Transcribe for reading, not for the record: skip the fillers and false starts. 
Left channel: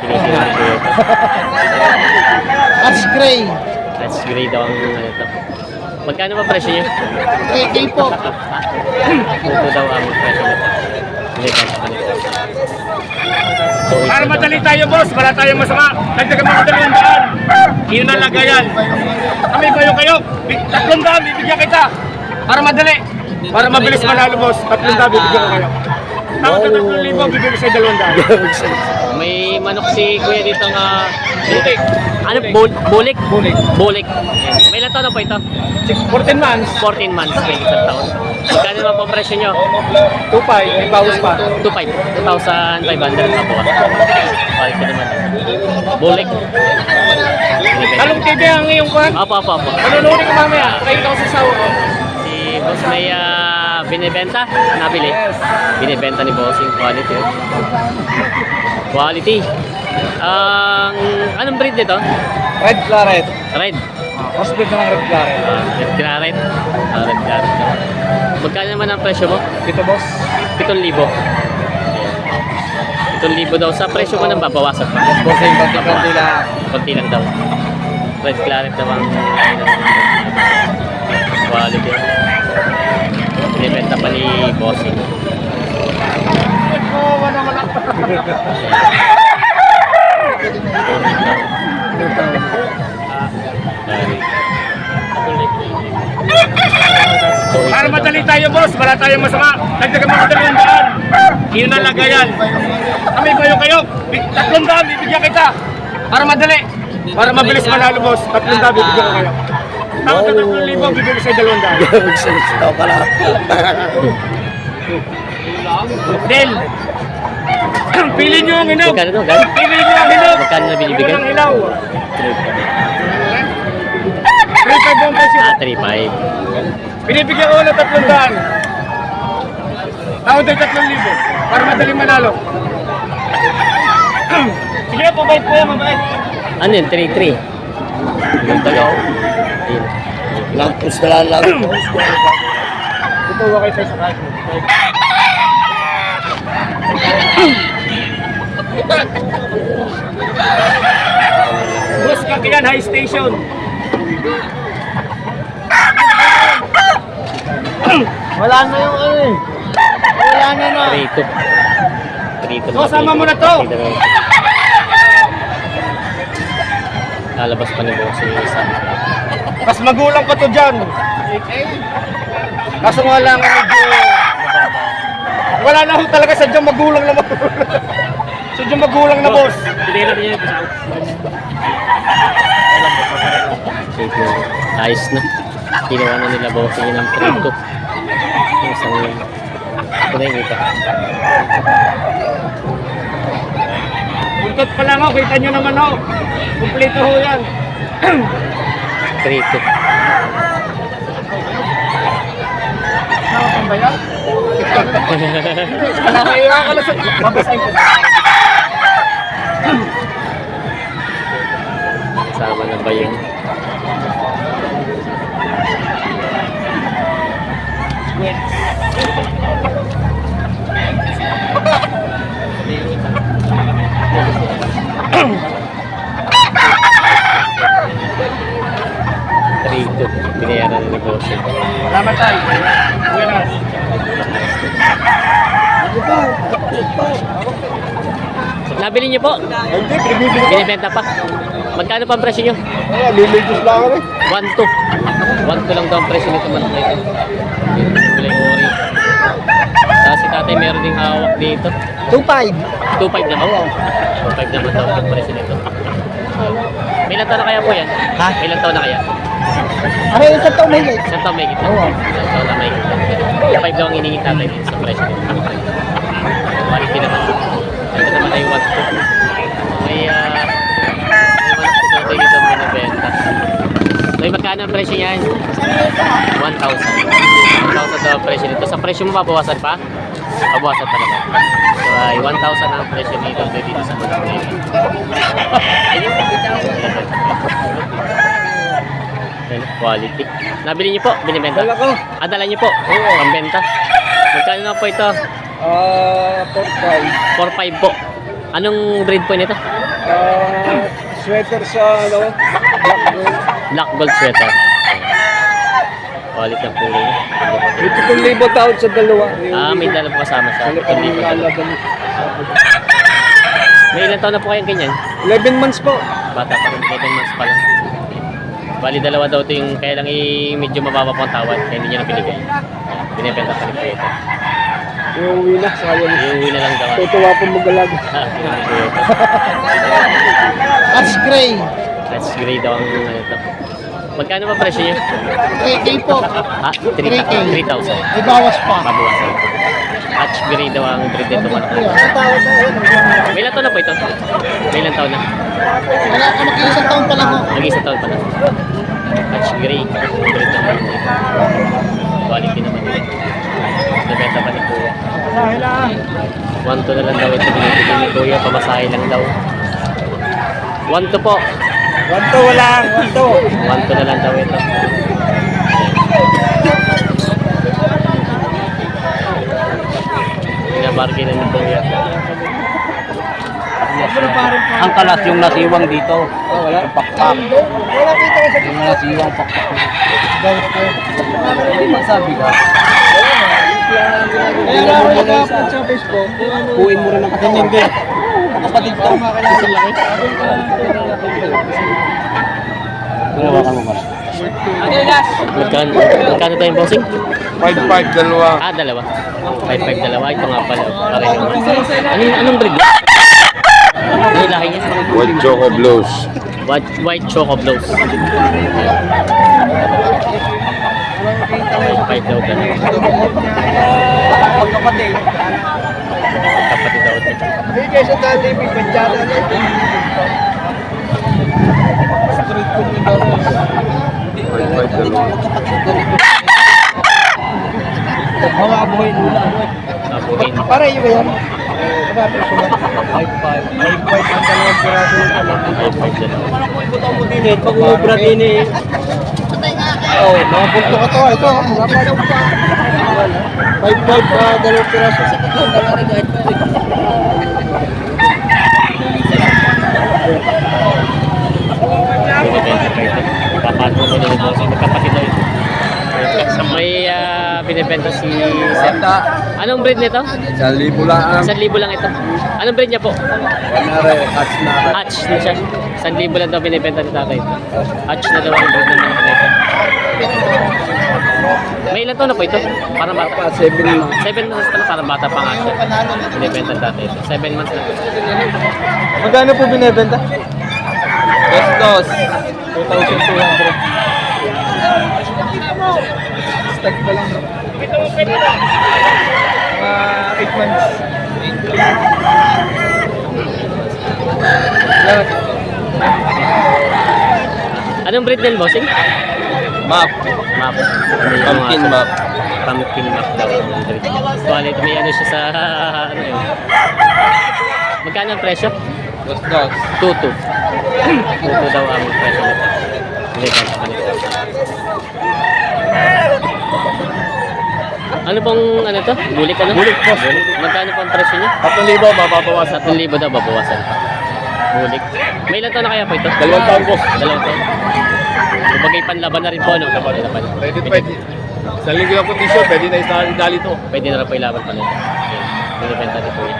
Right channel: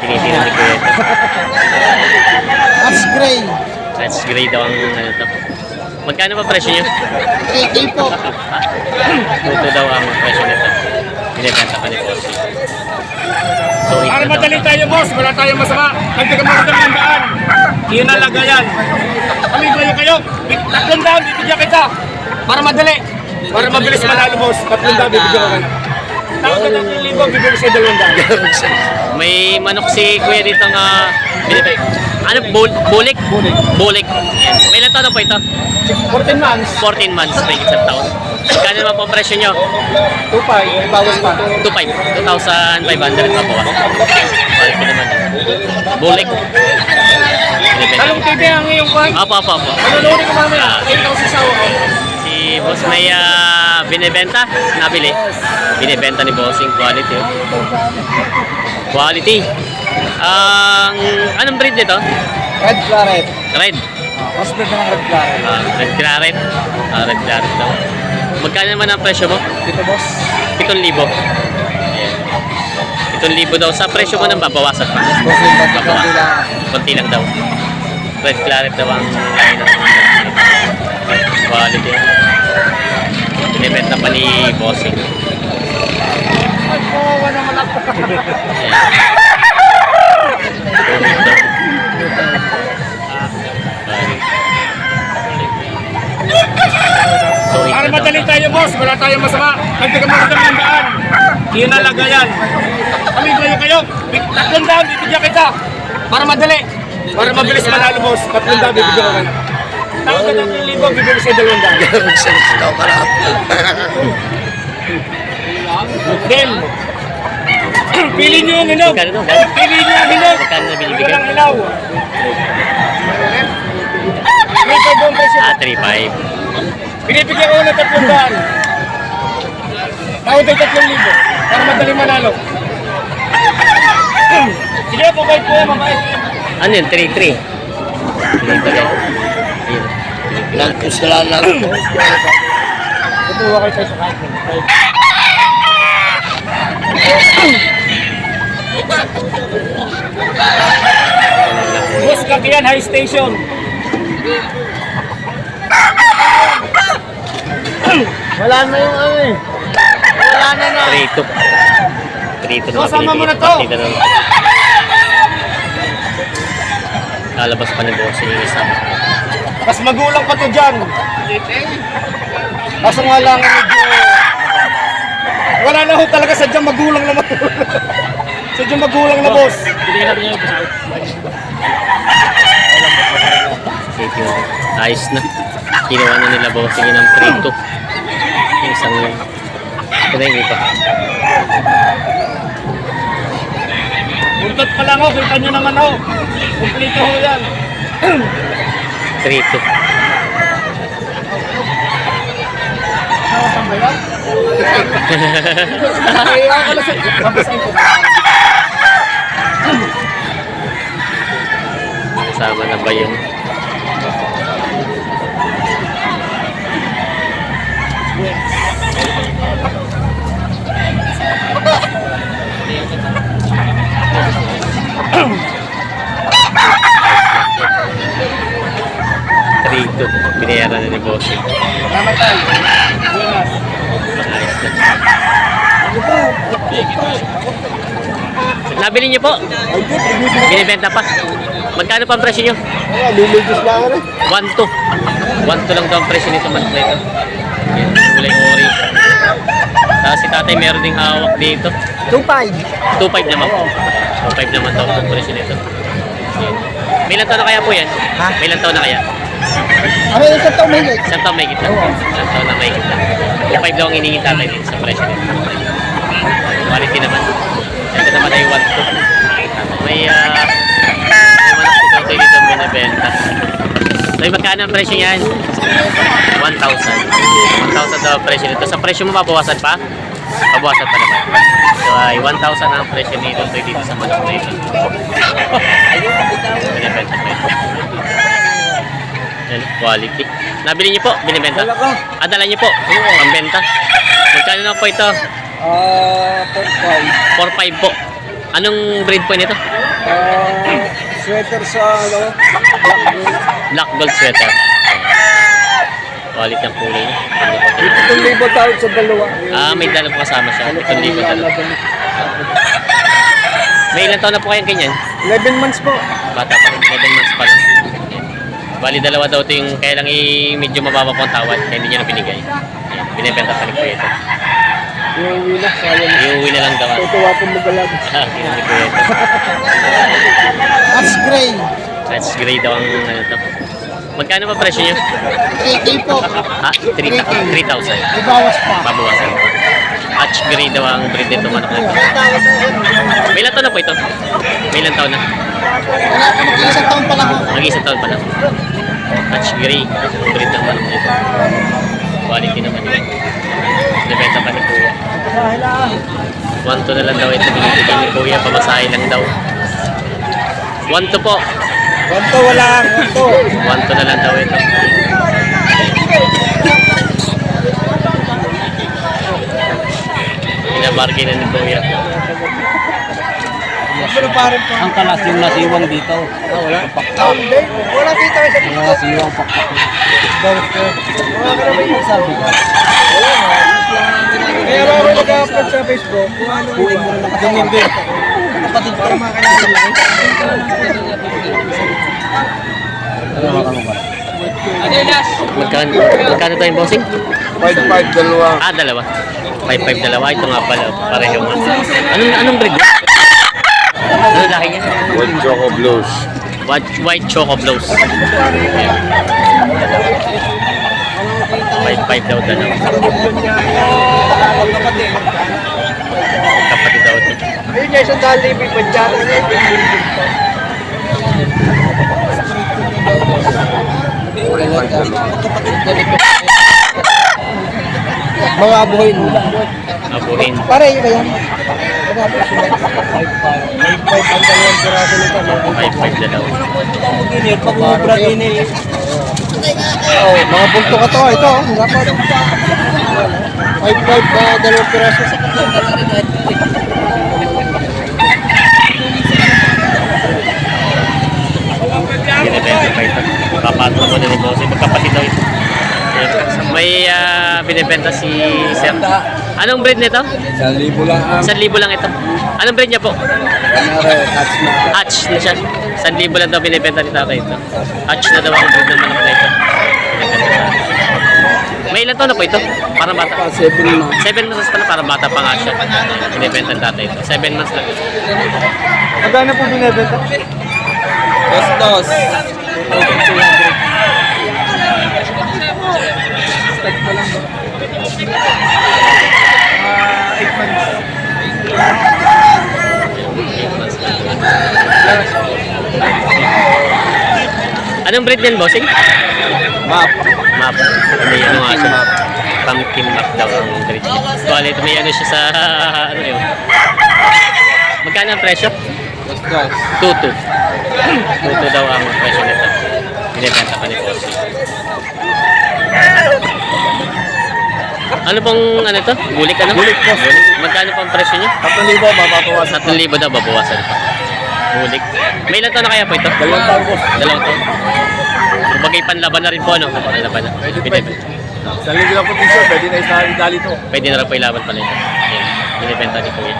Tinitingnan ni Kuya ito. That's gray. That's gray daw ang ano to. Magkano ba presyo nyo? 3K po. Tuto daw ang presyo nito. Binibenta pa ni Boss. So, Para madali tayo, boss. Wala tayong masama. Nagdagan mga 200. Yun ang lagayan. Kami ba yung kayo? 300, bibigyan kita. Para madali. Para mabilis manalo, boss. 300, bibigyan ko kayo. Tapos na 3,000, bibigyan ko sa 200. may manok si Kuya dito nga ano? Bulik? Bulik. Yan. May ilang taon na po ito? 14 months. 14 months. May isang taon. Magkano naman po ang presyo nyo? 2,500, may bawas pa. 2,500 pa po. Quality naman. Bulik. Anong TV ang iyong kwan? Apo. Manununin ko mamaya. Kayo ko sa sawa ko. Si Boss may binibenta, nabili. Binibenta ni Bossing quality. Oh. Quality. Anong breed nito? Red Claret. Red. Crossbreed ng Red Claret. Red Claret. Red Claret daw. Magkano naman ang presyo mo? Dito, boss. 7,000. Ayan. 7,000 daw. Sa presyo mo nang babawasan pa. Bossing, Babawasan. Konti lang daw. Red Claret daw ang line ng quality. Binibenta pa ni Bossing. Para madali tayo, boss. Wala tayong masama. Nagdagan mga 200. Yun ang lagayan. Kami ba yung kayo? 300, bibigyan kita. Para madali. Para mabilis manalo, boss. 300, bibigyan ko kayo. Tapos na 3,000, bibigyan ko sa 200. Then, pili nyo ang hinog. Magkano daw? Pili nyo ang hinog. Magkano na binibigay? Walang ilaw. 3,000 buong presyo. 3,500. Binibigyan ko ng 300. Tawad ay 3,000 para madali manalo. Sige, mabait po yan, mabait. Ano yun? 3,300. Binibigay. Ayun. Nagpus ka lang lang. Tutuwa kayo tayo sa kahit. Bus Kakiyan High Station. Wala na yung ano eh. Wala na na. 3,200. 3,200 na Kasama mo na to. Partida na. Lalabas pa ni Bossing yung isa. Mas magulang pa to dyan. Kaso nga lang medyo... Wala na ho talaga sadyang magulang na magulang. Sadyang magulang na, boss. Safe yun. Ayos na. Kinuha na nila Bossing yun ng 3,200. Yung isang... Ito na yung iba. Buntot pa lang ho, kita nyo naman ho. Kumplito ho yan. 3,200. Nakapang ba yan? Kaya ka na sa... Babasahin ko. Kasama na ba yung... Trito, binayaran na ni Bossing. Salamat tayo. Buenas. Nabili niyo po? Binibenta pa? Magkano pa ang presyo niyo? Liligus lang rin. 1,200. 1,200 lang daw ang presyo nito manok na ito. Yan, kulay ori. Tapos si tatay meron ding hawak dito. 2.5. 2,500 naman po. 2,500 naman daw ang presyo nito. Yan. May ilang taon na kaya po yan? Ha? May ilang taon na kaya? Ano yung isang taong mahigit? Isang taon may kita. Isang taon na may kita. 2,500 daw ang hiningin tatay dito sa presyo nito. Quality naman. Ito naman ay 1,200. May manok si tatay dito binibenta. So, magkano ang presyo niyan? 1,000. 1,000 daw ang presyo nito. Sa presyo mo mabawasan pa? Mabawasan pa naman. So ay 1,000 ang presyo nito dito sa manok na ito. Binibenta pa ito. Ayan, quality. Nabili niyo po? Binibenta? Wala ko. Dala niyo po? Pambenta. Magkano na po ito? 4.5. 4,500 po. Anong breed po nito? Sweater sa, ano, black gold. Black gold sweater. Quality ang kulay niya. Ganda pa din. 7,000 tawad sa dalawa. May dalawa po kasama siya. 7,000 dalawa. May ilang taon na po kayang ganyan? 11 months po. Bata pa rin, 11 months pa lang. Yan. Bali dalawa daw ito yung kaya lang medyo mababa po ang tawad kaya hindi niya na binigay. Yan. Binibenta pa ni Kuya ito. Iuwi na, sayang. Iuwi na lang daw. Tutuwa po magalag. Ganun ni Kuya ito. That's gray. That's gray daw ang ano to. Magkano ba presyo niyo? 3K po. Ha? 3,000. Ibawas pa. Babawasan pa. Hatch gray daw ang breed nito manok na ito. Tawad na yun. May ilang taon na po ito? May ilang taon na? Wala pa mag-isang taon pa lang ako. Mag-isa taon pa lang. Hatch gray. Ang breed ng manok na ito. Quality naman yun. Nabenta pa ni Kuya. Masahe lang. 1-2 na lang daw ito. Binibigay ni Kuya. Pamasahe lang daw. 1-2 po. 1 to wala. 1 to. 1-2 na lang daw ito. Binabargain na ni Kuya. Ang kalas yung nasiwang dito. Ang pakpak. Wala dito sa Yung nasiwang pakpak. magsabi ka. Kaya ako nag-upload sa Facebook. Kuhin mo rin ang kasama. Hindi. Kapatid ko. Ito laki. Magkano tayong bossing? 5-5 dalawa. Dalawa. 5-5 dalawa. Ito nga pala. Pareho nga. Anong breed? Ano laki niya? White Choco Blues. White Choco Blows. Ayan. 5-5 daw dalawa. Pagkapatid. Kapatid daw ito. Hindi kayo sa dati, may padyala na ito. Mawabuhin. Abuhin. Para yun ba yan? Magkapit sila. 5-5. 5-5 ang dalawang piraso nito. 5-5 dalawa. Pag-umubra din eh. Oh, mga punto ka to. Ito. 5-5 na dalawang piraso sa Binibenta pa ito. Papasok mo din ito. Magkapatid daw ito. May binibenta si Sir. Anong breed nito? 1,000 lang. 1,000 lang ito. Anong breed niya po? Kunwari, catch na. Hatch na siya. 1,000 lang daw binibenta ni tatay ito. Hatch na daw ang breed ng manok na ito. Binibenta sa may ilan taon na po ito? Parang bata. 7 months. 7 months pala, parang bata pa nga siya. Binibenta ng tatay ito. 7 months lang. Magkano po binibenta? 2-2. Stack pa lang ba? 8 months. 8 months lang. Anong breed niyan, bossing? Map. Map. May ano nga siya. Pumpkin map daw ang breed niya. Quality, may ano siya sa ano yun. Magkano ang presyo? 2-2. 2-2 daw ang presyo nito. Binibenta pa ni bossing. Ano pong ano to? Bulik ano? Bulik po. Bulik. Magkano po ang presyo niya? 3,000 mapapawasan. 3,000 daw babawasan pa. Bulik. May ilan taon na kaya po ito? 2 taon po. 2 taon. Kumbaga panlaban na rin po ano? Panlaban na. Pwede, Binibenta. Sa linggo lang po t-shirt, pwede na isali to. Pwede na rin po ilaban pala ito. Yan. Binibenta ni Kuya.